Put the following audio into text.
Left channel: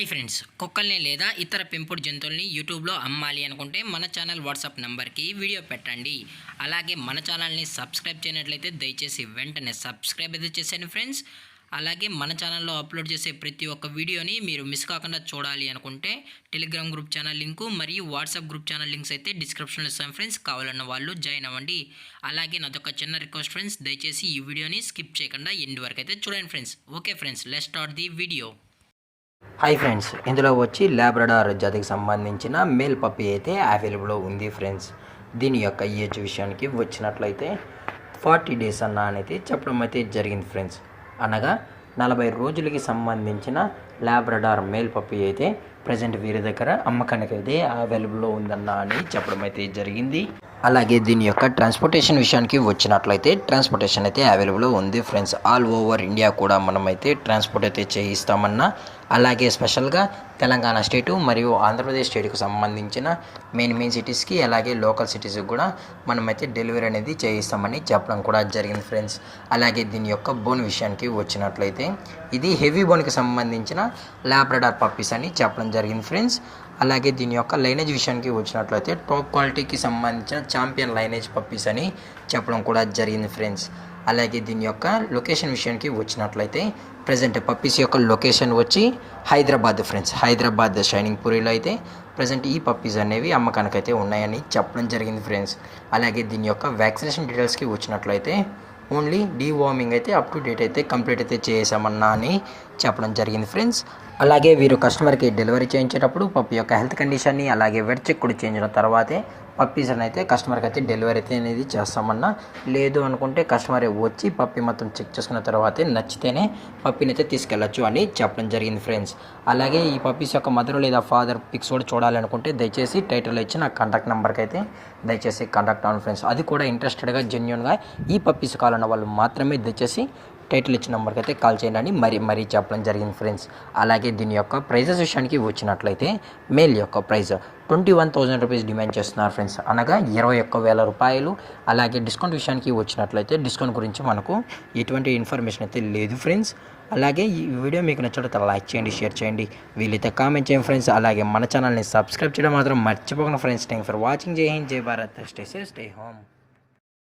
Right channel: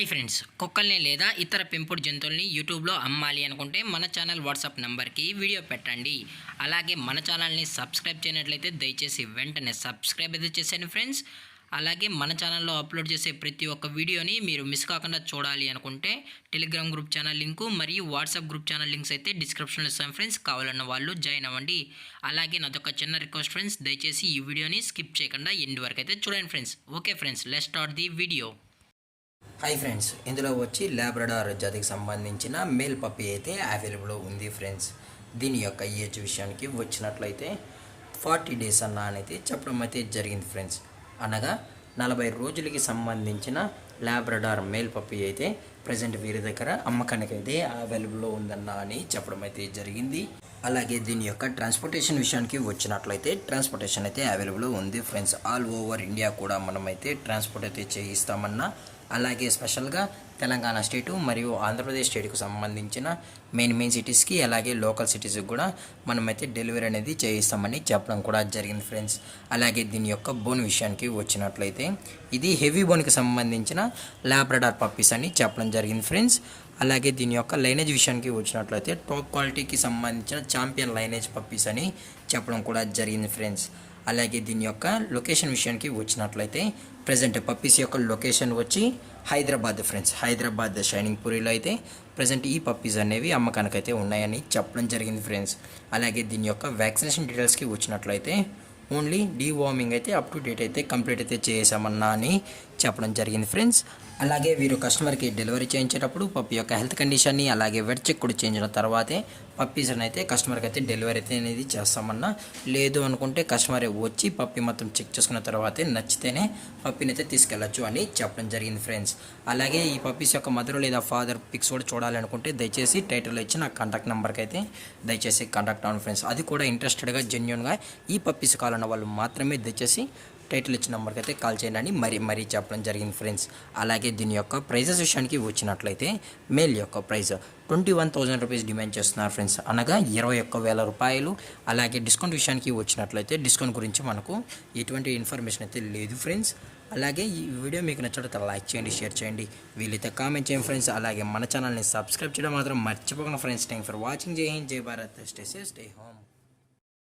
Hi friends, కుక్కల్ని లేదా ఇతర పెంపుడు జంతువుల్ని యూట్యూబ్లో అమ్మాలి అనుకుంటే మన ఛానల్ వాట్సాప్ నెంబర్కి వీడియో పెట్టండి. అలాగే మన ఛానల్ని సబ్స్క్రైబ్ చేయనట్లయితే దయచేసి వెంటనే సబ్స్క్రైబ్ అయితే చేసేయండి ఫ్రెండ్స్. అలాగే మన ఛానల్లో అప్లోడ్ చేసే ప్రతి ఒక్క వీడియోని మీరు మిస్ కాకుండా చూడాలి అనుకుంటే టెలిగ్రామ్ గ్రూప్ ఛానల్ లింకు మరియు వాట్సాప్ గ్రూప్ ఛానల్ లింక్స్ అయితే డిస్క్రిప్షన్లో ఇస్తాను ఫ్రెండ్స్. కావాలన్న వాళ్ళు జాయిన్ అవ్వండి. అలాగే నాదొక చిన్న రిక్వెస్ట్ ఫ్రెండ్స్, దయచేసి ఈ వీడియోని స్కిప్ చేయకుండా ఎండ్ వరకు అయితే చూడండి friends. Okay friends, let's start the video. Hi friends, ఇందులో వచ్చి లాబ్రడార్ జాతికి సంబంధించిన మేల్ పప్పీ అయితే అవైలబుల్లో ఉంది ఫ్రెండ్స్. దీని యొక్క ఏజ్ విషయానికి వచ్చినట్లయితే 40 డేస్ అన్న అనేది చెప్పడం అయితే జరిగింది ఫ్రెండ్స్. అనగా 40 రోజులకి సంబంధించిన లాబ్రడార్ మేల్ పప్పీ అయితే ప్రజెంట్ వీరి దగ్గర అమ్మకానికి అయితే అవైలబుల్లో ఉందన్న అని చెప్పడం అయితే జరిగింది. అలాగే దీని యొక్క ట్రాన్స్పోర్టేషన్ విషయానికి వచ్చినట్లయితే ట్రాన్స్పోర్టేషన్ అయితే అవైలబుల్ ఉంది ఫ్రెండ్స్. ఆల్ ఓవర్ ఇండియా కూడా మనమైతే ట్రాన్స్పోర్ట్ అయితే చేయిస్తామన్నా, అలాగే స్పెషల్గా తెలంగాణ స్టేటు మరియు ఆంధ్రప్రదేశ్ స్టేట్కి సంబంధించిన మెయిన్ సిటీస్కి అలాగే లోకల్ సిటీస్కి కూడా మనమైతే డెలివరీ అనేది చేయిస్తామని చెప్పడం కూడా జరిగింది ఫ్రెండ్స్. అలాగే దీని యొక్క బోన్ విషయానికి వచ్చినట్లయితే ఇది హెవీ బోన్కి సంబంధించిన లాబ్రడార్ పప్పీస్ అని చెప్పడం జరిగింది ఫ్రెండ్స్. అలాగే దీని యొక్క లైనేజ్ విషయానికి వచ్చినట్లయితే టాప్ క్వాలిటీకి సంబంధించిన ఛాంపియన్ లైనేజ్ పప్పీస్ అని చెప్పడం కూడా జరిగింది ఫ్రెండ్స్. అలాగే దీని యొక్క లొకేషన్ విషయానికి వచ్చినట్లయితే ప్రజెంట్ పప్పీస్ యొక్క లొకేషన్ వచ్చి హైదరాబాద్ ఫ్రెండ్స్. హైదరాబాద్ షైనింగ్ పూరిలో అయితే ప్రజెంట్ ఈ పప్పీస్ అనేవి అమ్మకానికి అయితే ఉన్నాయని చెప్పడం జరిగింది ఫ్రెండ్స్. అలాగే దీని యొక్క వ్యాక్సినేషన్ డీటెయిల్స్కి వచ్చినట్లయితే ఓన్లీ డీవార్మింగ్ అయితే అప్ టు డేట్ అయితే కంప్లీట్ అయితే చేసామన్నా అని చెప్పడం జరిగింది ఫ్రెండ్స్. అలాగే వీరు కస్టమర్కి డెలివరీ చేయించేటప్పుడు పప్పి యొక్క హెల్త్ కండిషన్ని అలాగే వెట్ చెక్ కూడా చేయించిన తర్వాతే పప్పీస్ని అయితే కస్టమర్కి అయితే డెలివరీ అయితే అనేది చేస్తామన్నా. లేదు అనుకుంటే కస్టమర్ వచ్చి పప్పి మొత్తం చెక్ చేసుకున్న తర్వాతే నచ్చితేనే పప్పిని అయితే తీసుకెళ్ళచ్చు అని చెప్పడం జరిగింది ఫ్రెండ్స్. అలాగే ఈ పప్పీస్ యొక్క మదర్ లేదా ఫాదర్ పిక్స్ కూడా చూడాలి అనుకుంటే దయచేసి టైటిల్లో ఇచ్చి నా కాంటాక్ట్ నెంబర్కి అయితే దయచేసి కాంటాక్ట్ అవ్వండి ఫ్రెండ్స్. అది కూడా ఇంట్రెస్టెడ్గా జెన్యున్గా ఈ పప్పీస్ కావాలన్న వాళ్ళు మాత్రమే దయచేసి టైటిల్ ఇచ్చిన నెంబర్కి అయితే కాల్ చేయండి అని మరీ చెప్పడం జరిగింది ఫ్రెండ్స్. అలాగే దీని యొక్క ప్రైజెస్ విషయానికి వచ్చినట్లయితే మేల్ యొక్క ప్రైస్ 21,000 రూపీస్ డిమాండ్ చేస్తున్నారు ఫ్రెండ్స్, అనగా 21,000 రూపాయలు. అలాగే డిస్కౌంట్ విషయానికి వచ్చినట్లయితే డిస్కౌంట్ గురించి మనకు ఎటువంటి ఇన్ఫర్మేషన్ అయితే లేదు ఫ్రెండ్స్. అలాగే ఈ వీడియో మీకు నచ్చినట్లయితే లైక్ చేయండి, షేర్ చేయండి, వీలైతే కామెంట్ చేయండి ఫ్రెండ్స్. అలాగే మన ఛానల్ని సబ్స్క్రైబ్ చేయడం మాత్రం మర్చిపోకండి ఫ్రెండ్స్. Thank for watching. జై హింద్, జై Bharat, stay safe, stay home.